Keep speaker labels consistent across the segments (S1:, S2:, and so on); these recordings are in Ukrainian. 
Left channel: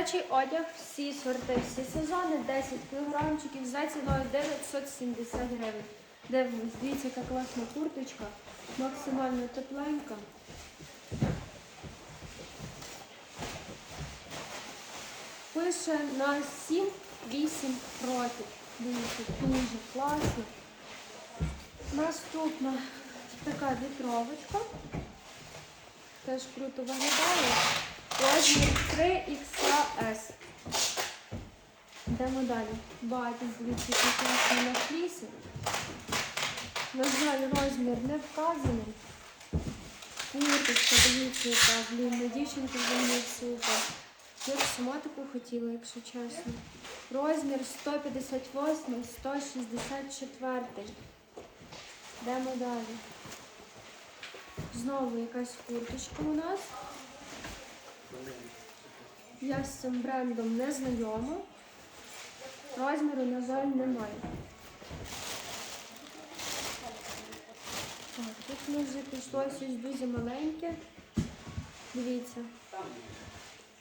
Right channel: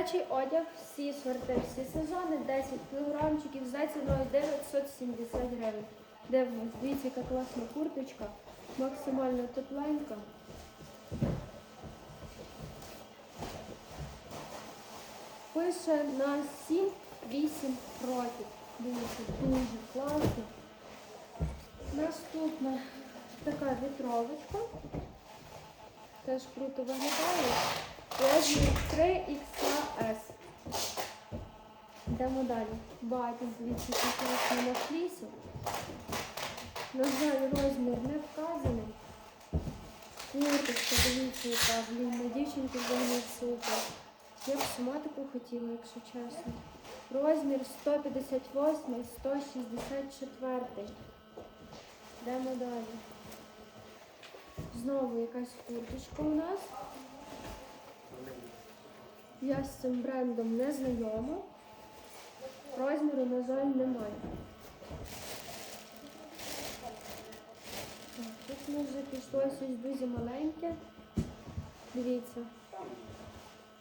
S1: Дитячий одяг, всі сорти, всі сезони, 10 кілограмчиків за ціною 970 гривень. Дивимось, дивіться, яка класна курточка, максимально тепленька. Пише на 7-8 років. Дивіться, дуже класно. Наступна така вітровочка. Теж круто виглядає. Розмір 3XS. Йдемо далі. Дивіться, який класний на флісі. На жаль, розмір не вказаний. Курточка, дивіться, яка, блін, на дівчинку взагалі супер. Я б сама таку хотіла, якщо чесно. Розмір 158, 164. Йдемо далі. Знову якась курточка у нас. Я з цим брендом не знайома. Розміру, на жаль, немає. Так, тут ми вже пішло щось дуже маленьке. Дивіться.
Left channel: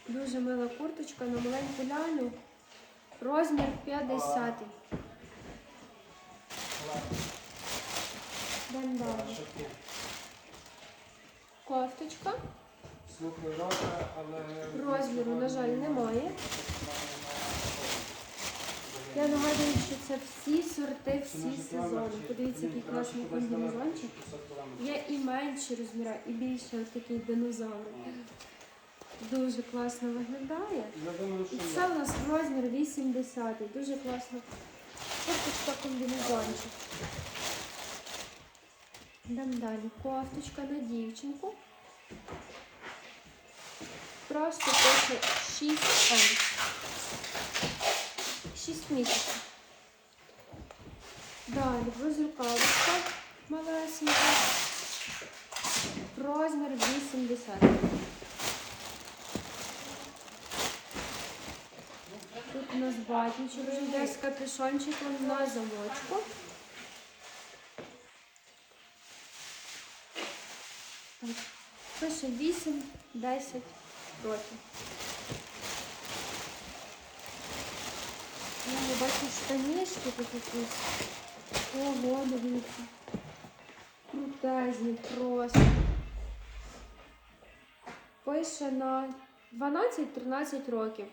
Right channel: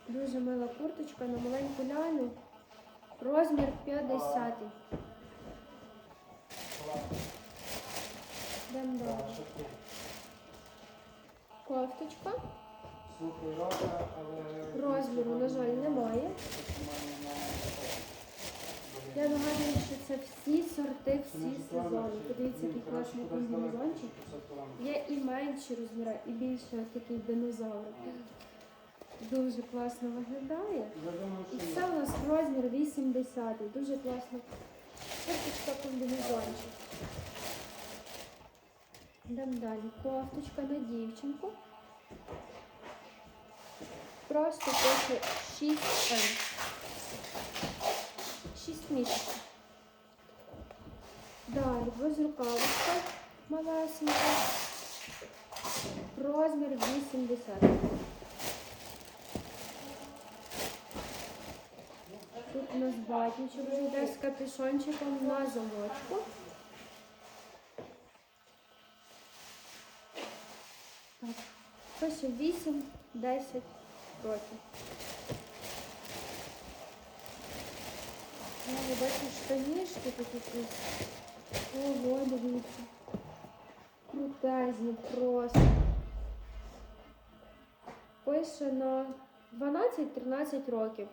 S1: Дуже мила курточка на маленьку лялю. Розмір 50. Йдемо далі. Кофточка. Розміру, на жаль, немає. Я нагадую, що це всі сорти, всі сезони. Подивіться, який класний комбінезончик. Є і менші розміри, і більше ось такий динозаврик. Дуже класно виглядає. І це у нас розмір 80. Дуже класно. Курточка комбінезончик. Йдемо далі. Кофточка на дівчинку. Просто пише 6М. 6 місяців. Далі безрукавочка малесенька. Розмір 80. Тут у нас батічок вже йде з капюшончиком на замочку. Так, пише 8-10 років. Ну, Я бачу штанішки тут якісь. Ого, дивіться. Крутезні просто. Пише на 12-13 років.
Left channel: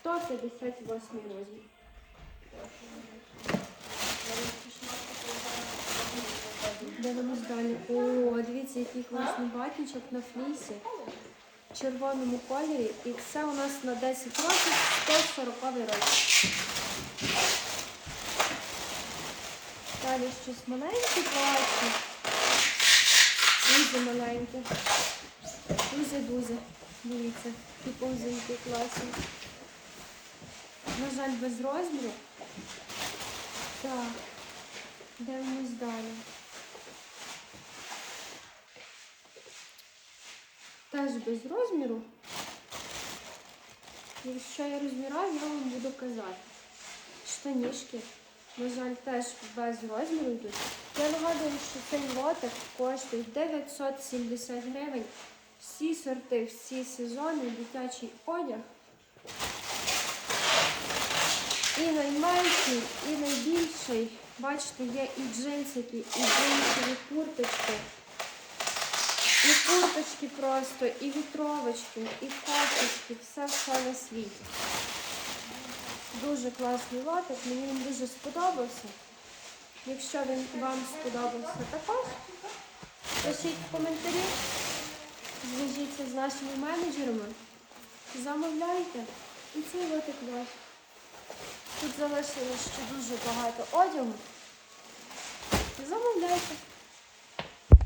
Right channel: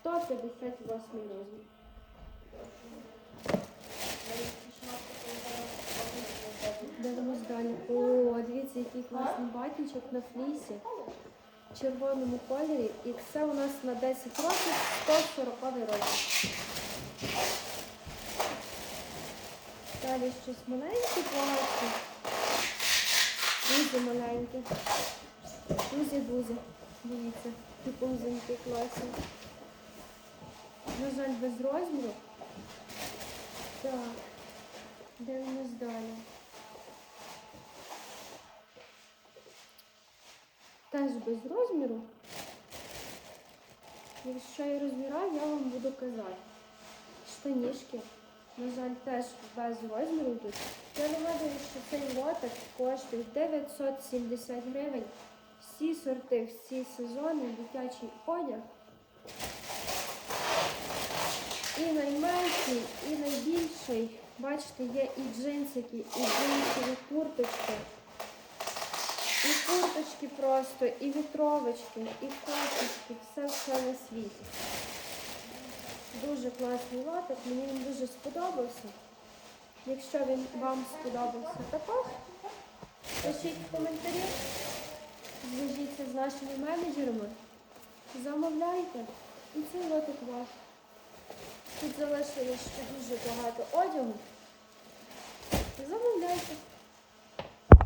S1: 158 розмір. Дивимось далі. О, дивіться, який класний батничок на флісі. Червоному кольорі. І це у нас на 10 років 140 розмір. Далі щось маленьке бачу. Дуже маленьке. Дуже-дуже. Дивіться, які повзунки класні. На жаль, без розміру. Так, дивимось далі. Теж без розміру. Якщо я розміраю, я вам буду казати. Штанішки, на жаль, теж без розміру йдуть. Я нагадую, що цей лотик коштує 970 гривень. Всі сорти, всі сезони, дитячий одяг. І найменший, і найбільший. Бачите, є і джинсики, і джинсові курточки. І курточки просто, і вітровочки, і кофточки, все все на світі. Дуже класний лотик, мені він дуже сподобався. Якщо він вам сподобався також, пишіть коментарі, зв'яжіться з нашими менеджерами, замовляйте і цей лотик ваш. Тут залишилось ще дуже багато одягу. Замовляйте.